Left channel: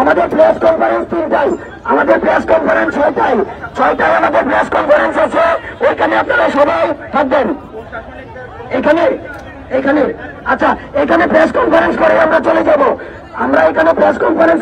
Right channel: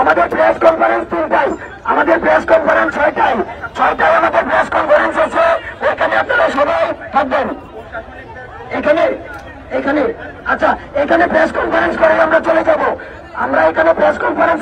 আমাদের press conference চাই, আমাদের প্রেস কনফারেন্স চাই, 6টায় আমাদের প্রেস কনফারেন্স আছে, ওইখানে আপনারা সবাই থাকবেন। এখানে আচ্ছা, এখানে প্রেস কনফারেন্স করে আমরা চলে যাব। আমরা এখানে প্রেস কনফারেন্স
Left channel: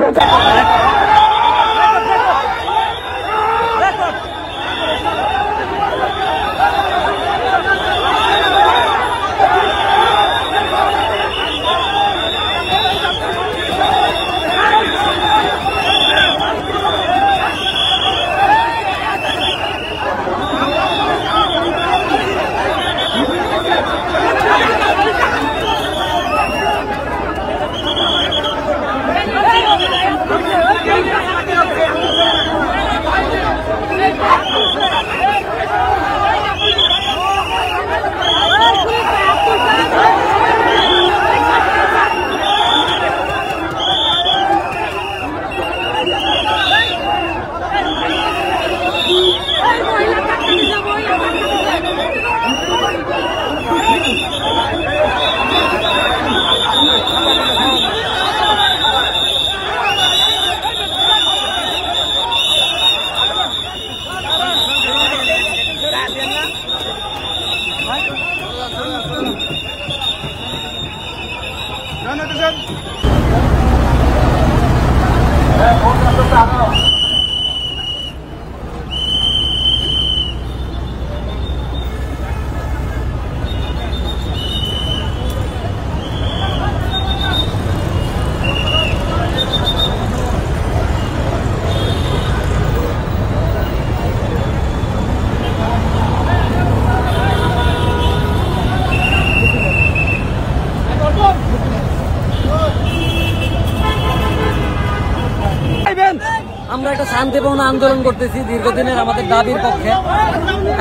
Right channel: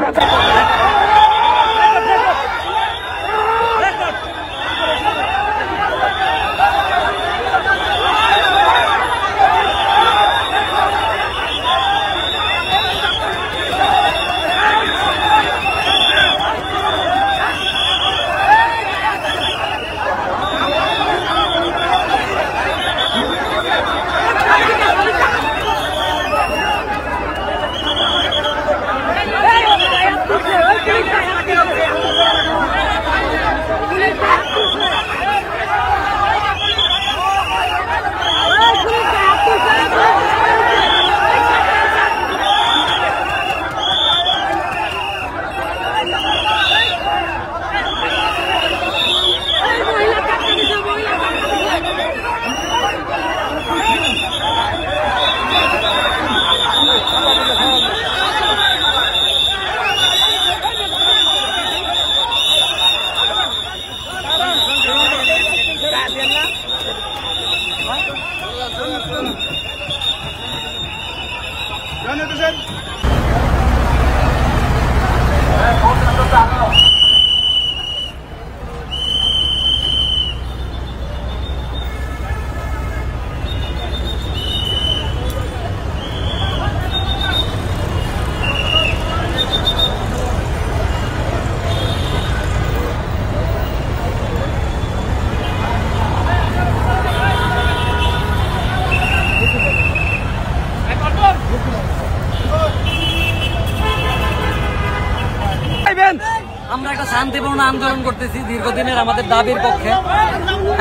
আমরা একটা শান্তিপূর্ণ আন্দোলন করতেছি দীর্ঘদিনের আমাদের দাবির পক্ষে।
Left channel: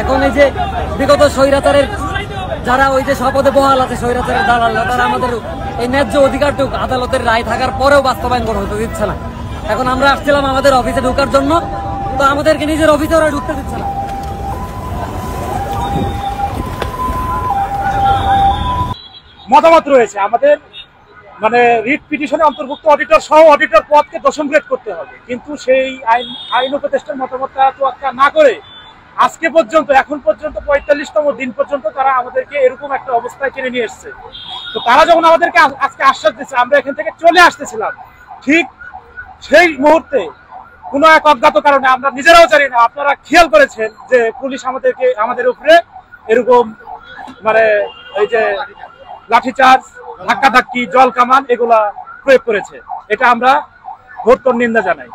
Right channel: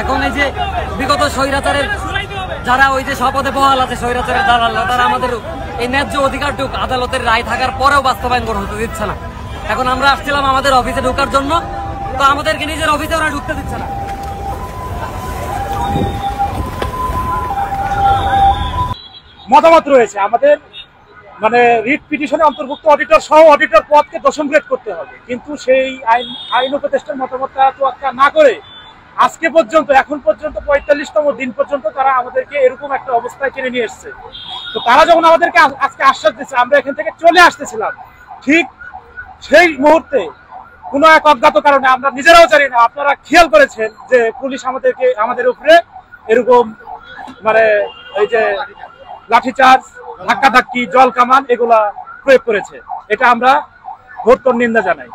এখন এই যে বিগত স্বৈরাচারের যারা ওই যে শপথে বহাল আছে, স্বৈরাচারের দালাল, তারা আমাদের এই ন্যায্য অধিকারটুকু আদালতের রায় থাকার পরেও বাস্তবায়ন করা হতে দিচ্ছে না। এখন আমরা আসছিলাম আমাদের অফিসে ঢোকার জন্য, তো আমাদেরকে নিজের অফিসে ওরা ঢুকতে দিচ্ছে না। মতামত রয়েছে আমাদের, মানে রিট পিটিশনে অন্তর্ভুক্ত অডিটর সহ অডিটর পদকে দশম গ্রেড করতে হবে, কিন্তু সেই আইন উপদেষ্টার মতামতটা তোয়াক্কা না করে আজকে পর্যন্ত এখন পর্যন্ত 45তম দিন পর্যন্ত তারা আমাদেরকে এরকম একটা অবস্থায় টেনে নিয়ে এসছে। তো তারা যখন আমাদেরকে আজকে আশ্বাস দিচ্ছে আমরা এখান থেকে চলে আসতেছিলাম, ঠিক সেই মুহূর্তে কোনো এক অজ্ঞাত কারণে আমরা নিজেরাও জানি না, আপনারা খেয়াল করেছেন যে পুলিশ আমাদের উপরে এরকম মানে এই যে লাঠিচার্জ, ধাক্কাধাক্কি, জল কামান এগুলা প্রয়োগ করেছে। এটা আমরা ঘোরতর নিন্দা জানাই।